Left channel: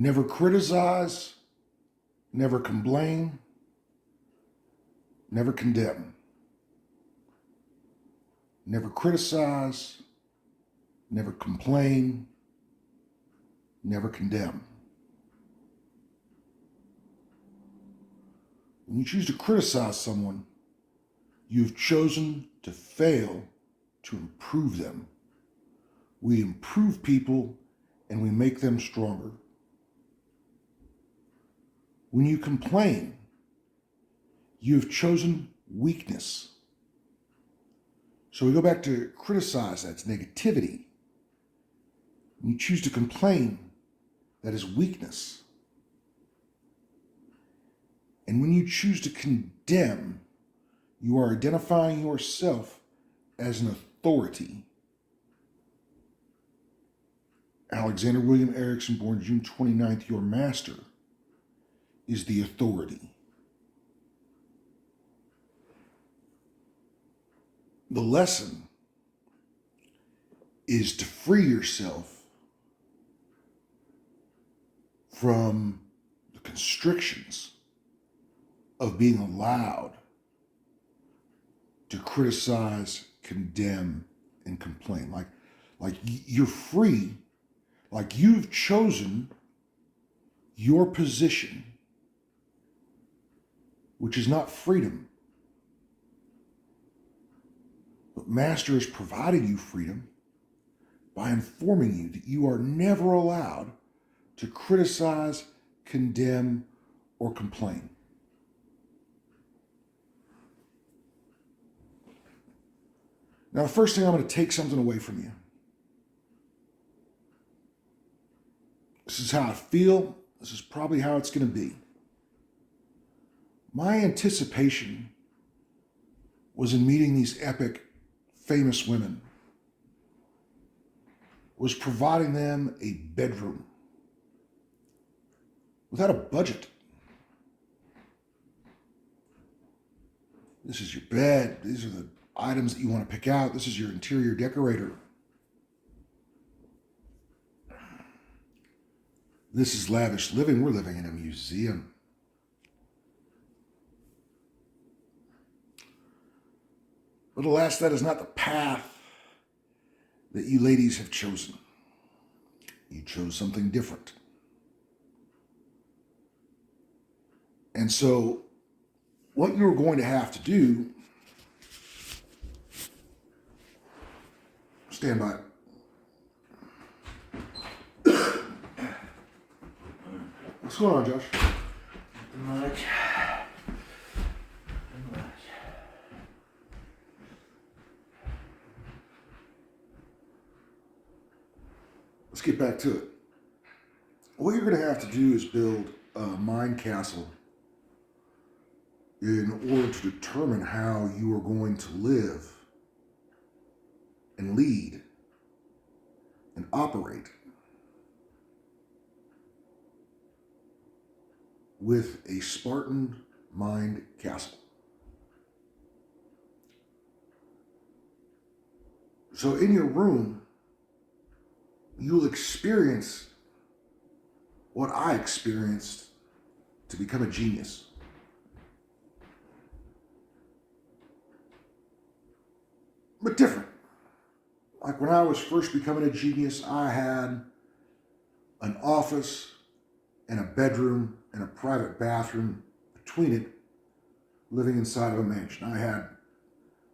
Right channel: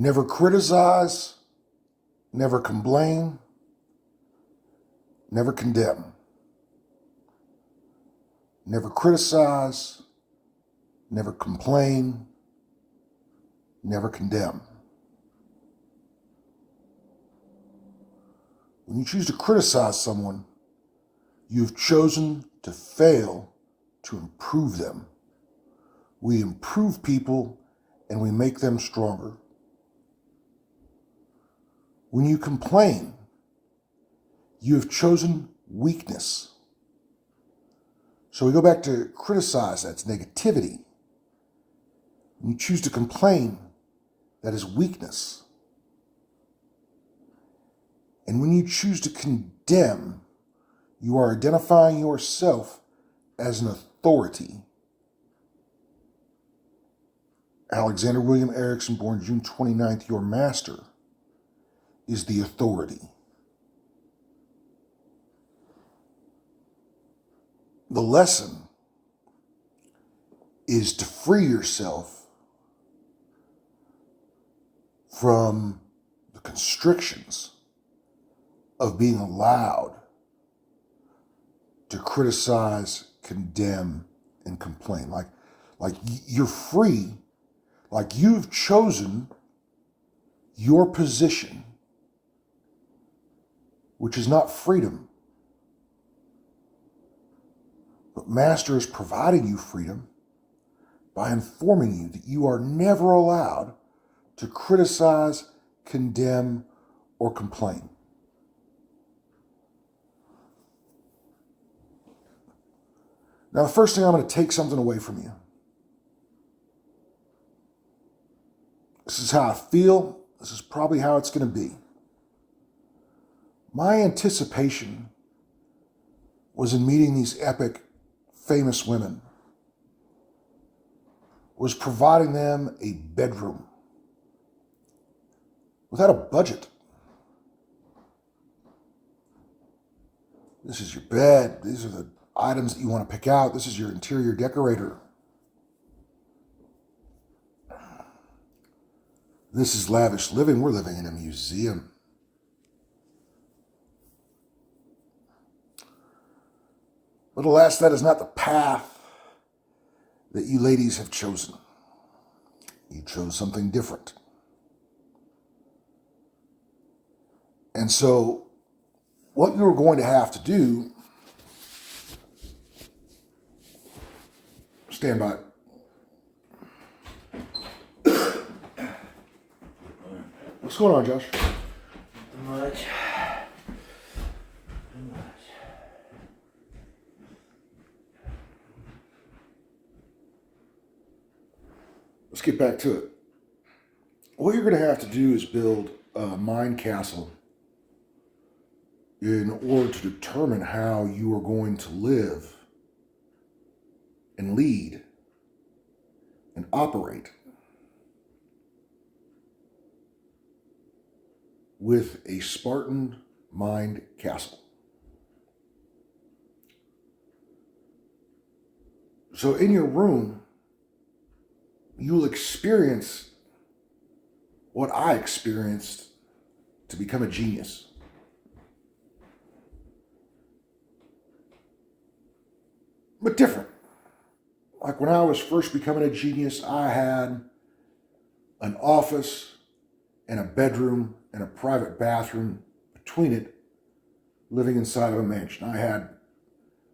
Never criticize, never complain, never condemn. Never criticize, never complain, never condemn. When you choose to criticize someone, you've chosen to fail to improve them. We improve people and we make them stronger. When you complain, you have chosen weakness. So we go back to criticize, that's negativity. When you choose to complain, that is weakness. And when you choose to condemn, you are identifying yourself as an authority. Alexander William Erickson, born June 29th, your master is the authority. The lesson is to free yourself from the constrictions of being allowed to criticize, condemn, and complain. Like you're free, like you've chosen your position, which is not freedom. But Master is providing you freedom by informing you that you are never allowed to criticize, condemn, or complain. Now, the first thing, I'm going to take something away from you. This is how I feel. This is probably how it's going to be. My anticipation was in meeting these epic, famous women, was providing them a bedroom without a budget. This is your bed. These are the items that you want to pick out. This is your interior decorator. This is lavish living. We're living in a museum. But alas, that is not the path that you ladies have chosen. You chose something different. And so, what you're going to have to do, stand by. What's going on, Josh? Nothing much. Let's get back to it. What you're going to have to do is build a mind castle in order to determine how you are going to live and lead and operate with a Spartan mind castle. So in your room, you'll experience what I experienced to become a genius. But different. Like when I was first becoming a genius, I had an office and a bedroom and a private bathroom between it, living inside of a mansion. I had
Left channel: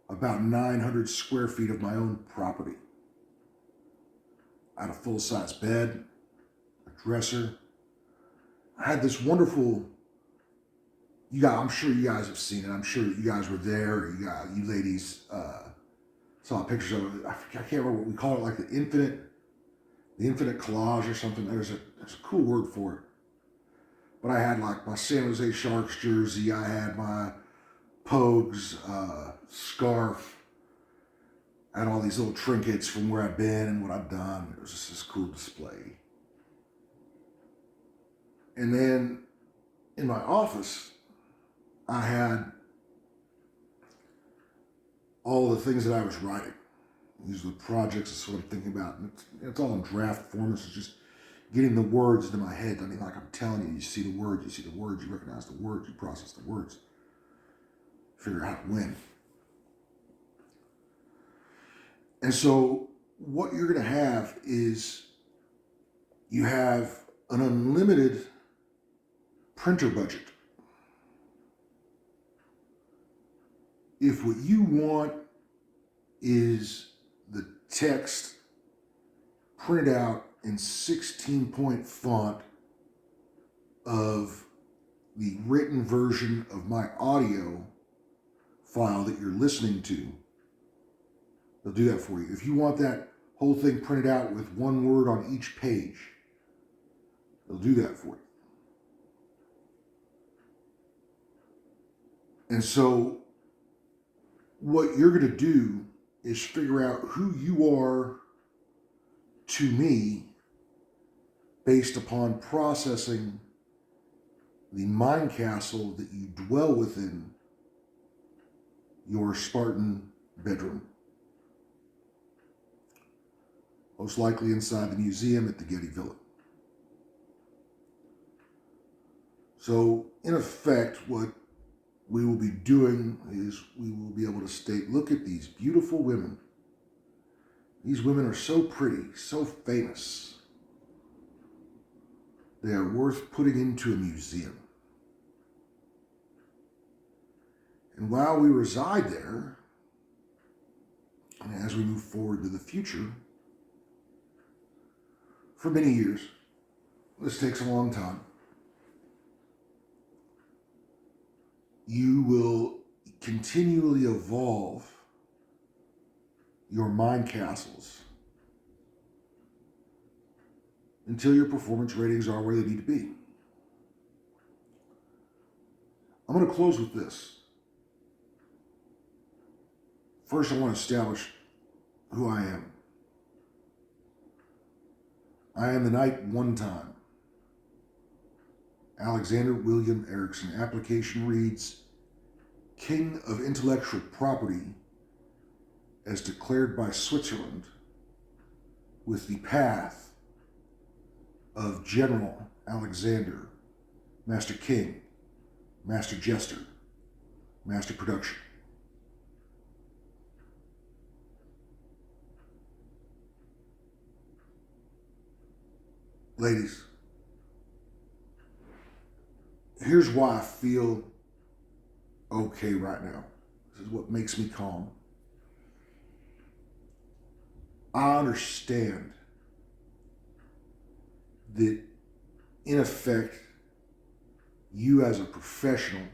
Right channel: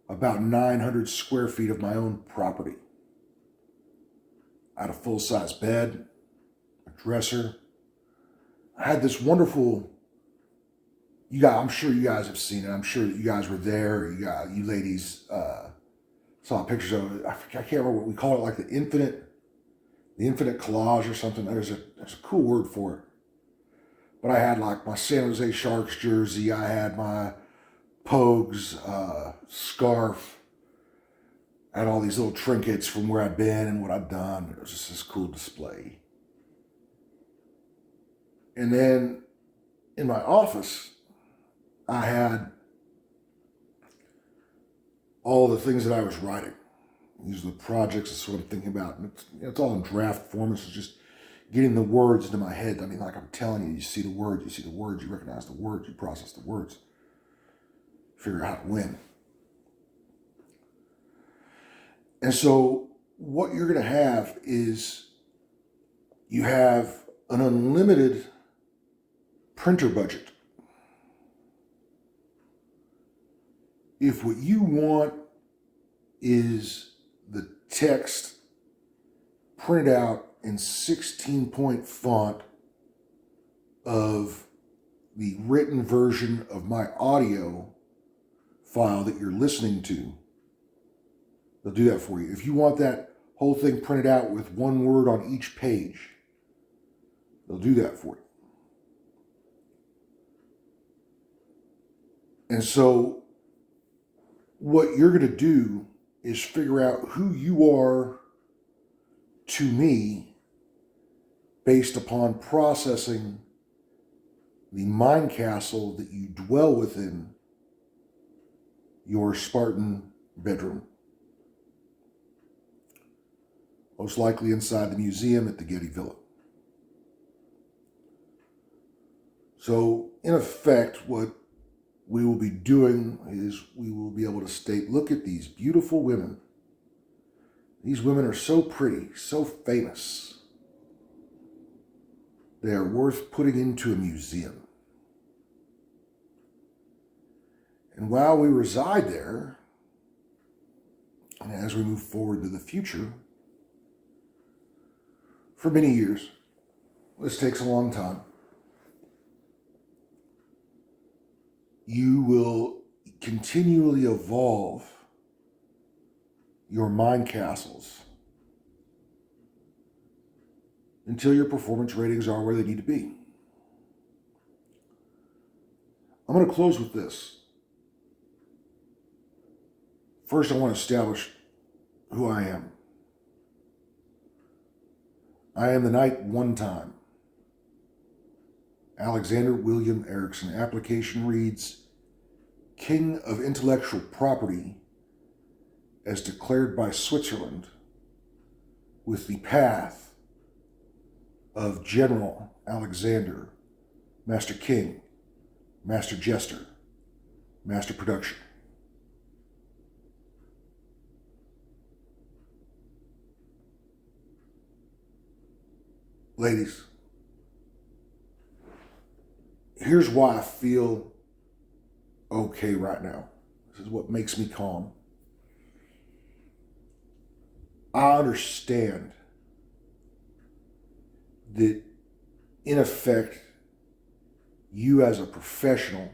about 900 square feet of my own property. I had a full-size bed, a dresser. I had this wonderful, I'm sure you guys have seen it. I'm sure that you guys were there. You ladies saw pictures of it. I can't remember what we call it, like the infinite collage or something. There's a cool word for it. But I had like my San Jose Sharks jersey. I had my Pogues scarf. I had all these little trinkets from where I've been and what I've done. It was just this cool display. And then in my office, I had all the things that I was writing. These are the projects, that's what I'm thinking about. And it's all in draft form. This is just getting the words into my head. I mean, like I'm telling you, you see the words, you recognize the words, you process the words, figure out how to win. And so what you're going to have is you have an unlimited printer budget. If what you want is the text printed out in 16-point font of the written version of my audio file that you're listening to, they'll do that for you. If you want that whole thing printed out with one word on each page, they'll do that for you. And so what you're going to do is figure out who you are to me based upon processing the mind castle that you dwell within your Spartan bedroom. Most likely inside the museum at the Getty Villa. So, in effect, what we will be doing is we will be able to state, look at these beautiful women. These women are so pretty, so famous. They are worth putting into a museum. And while we reside there, and as we move forward to the future, for many years, this takes a long time, you will continually evolve your mind castles until your performance ratings are where they need to be. I'm going to close with this. First, I want to establish who I am. I am the knight one time. Alexander William Erickson. Application reads, King of Intellectual Property as declared by Switzerland with the path of General Alexander, Master King, Master Jester, Master Production. Ladies, here's why I feel okay right now. This is what makes me calm. I understand that, in effect, you as a professional,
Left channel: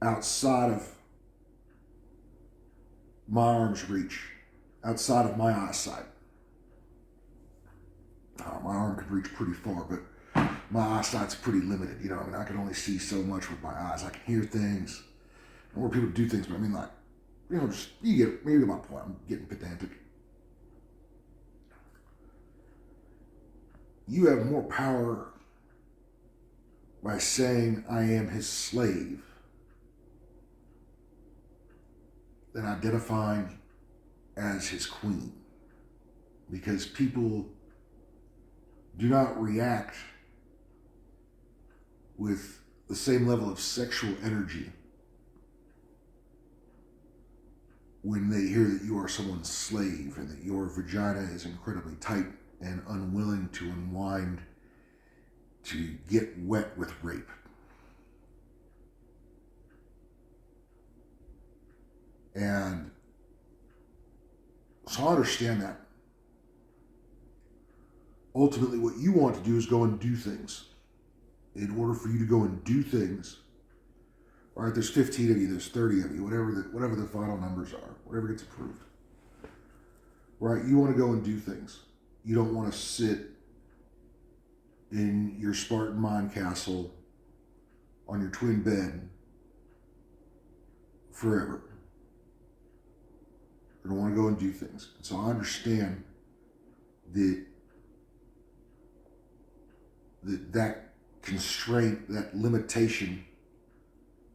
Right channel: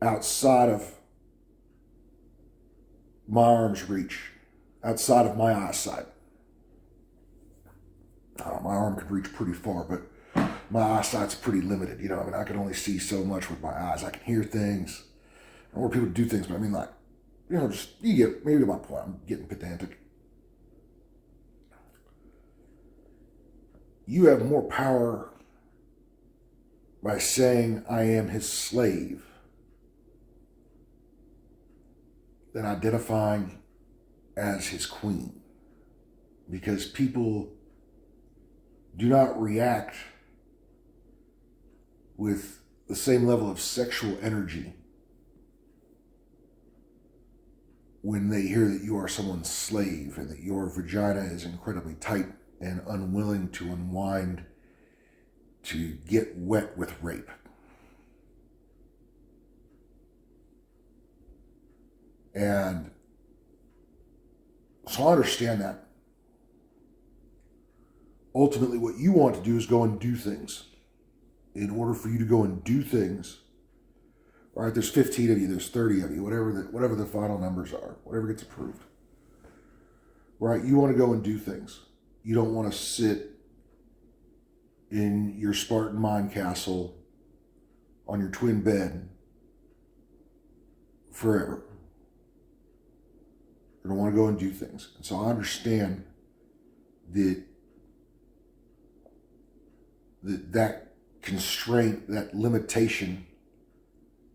outside of my arm's reach, outside of my eyesight, my arm could reach pretty far, but my eyesight's pretty limited. You know, I mean, I can only see so much with my eyes. I can hear things. I want people to do things, but I mean, like, you know, just, you get maybe my point. I'm getting pedantic. You have more power by saying I am his slave than identifying as his queen. Because people do not react with the same level of sexual energy when they hear that you are someone's slave and that your vagina is incredibly tight and unwilling to unwind to get wet with rape. And so I understand that. Ultimately, what you want to do is go and do things. In order for you to go and do things, all right, there's 15 of you, there's 30 of you, whatever the final numbers are, whatever gets approved. Right, you want to go and do things. You don't want to sit in your Spartan mind castle on your twin bed forever. You don't want to go and do things. And so I understand that constraint, that limitation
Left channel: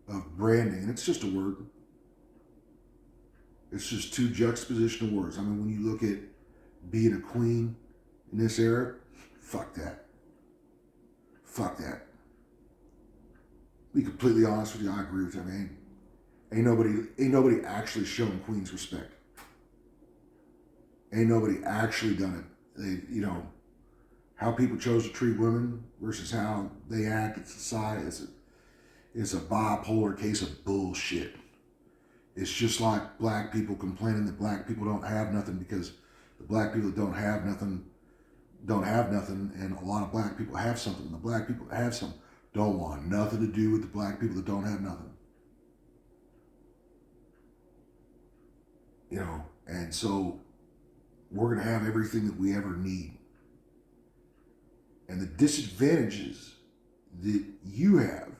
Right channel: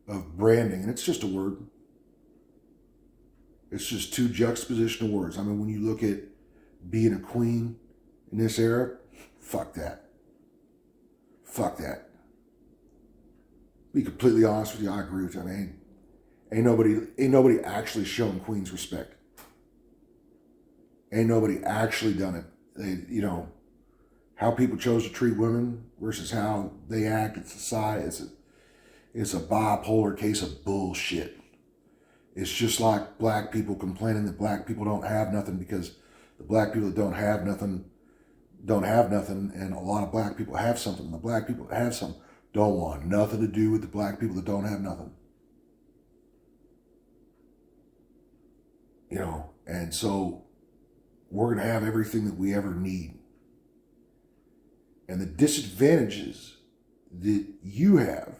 of branding, and it's just a word. It's just two juxtapositional words. I mean, when you look at being a queen in this era, fuck that. Fuck that. Be completely honest with you, I agree with you. I mean, ain't nobody actually shown Queens respect. Ain't nobody actually done it. They, how people chose to treat women versus how they act in society. It's a bipolar case of bullshit. It's just like black people complaining that black people don't have nothing because the black people that don't have nothing, and a lot of black people have something. And the black people that have something don't want nothing to do with the black people that don't have nothing. And so we're going to have everything that we ever need. And the disadvantages that you have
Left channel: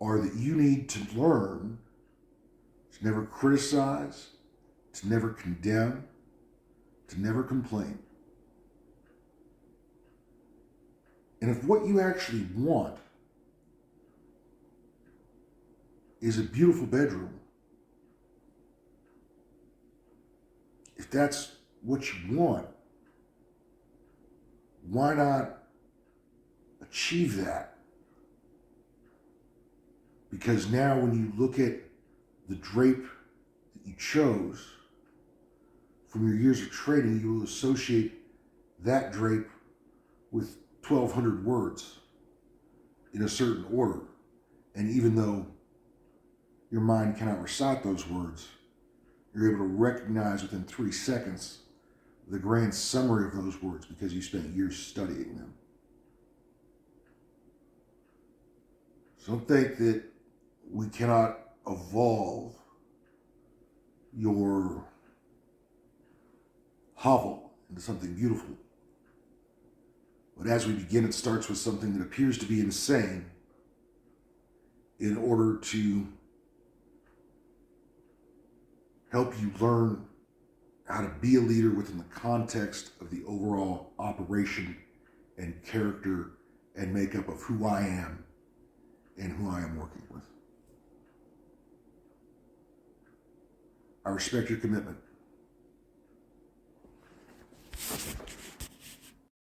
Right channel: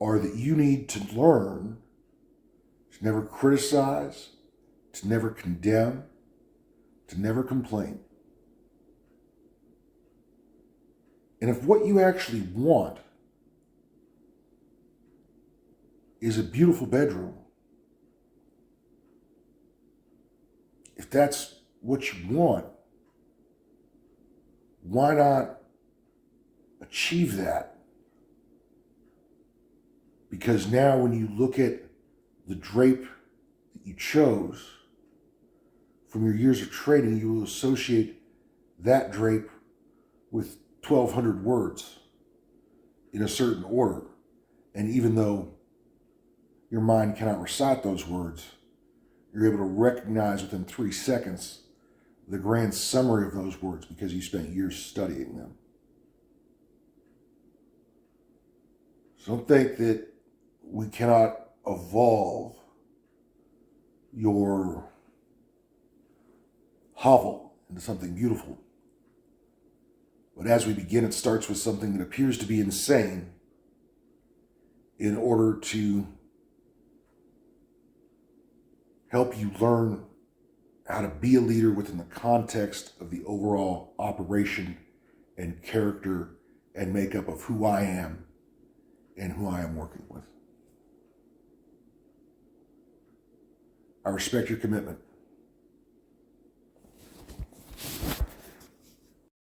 are that you need to learn to never criticize, to never condemn, to never complain. And if what you actually want is a beautiful bedroom, if that's what you want, why not achieve that? Because now when you look at the drape that you chose from your years of trading, you will associate that drape with 1,200 words in a certain order. And even though your mind cannot recite those words, you're able to recognize within 3 seconds the grand summary of those words because you spent years studying them. So don't think that we cannot evolve your hovel into something beautiful. But as we begin, it starts with something that appears to be insane in order to help you learn how to be a leader within the context of the overall operation and character and makeup of who I am and who I am working with. I respect your commitment.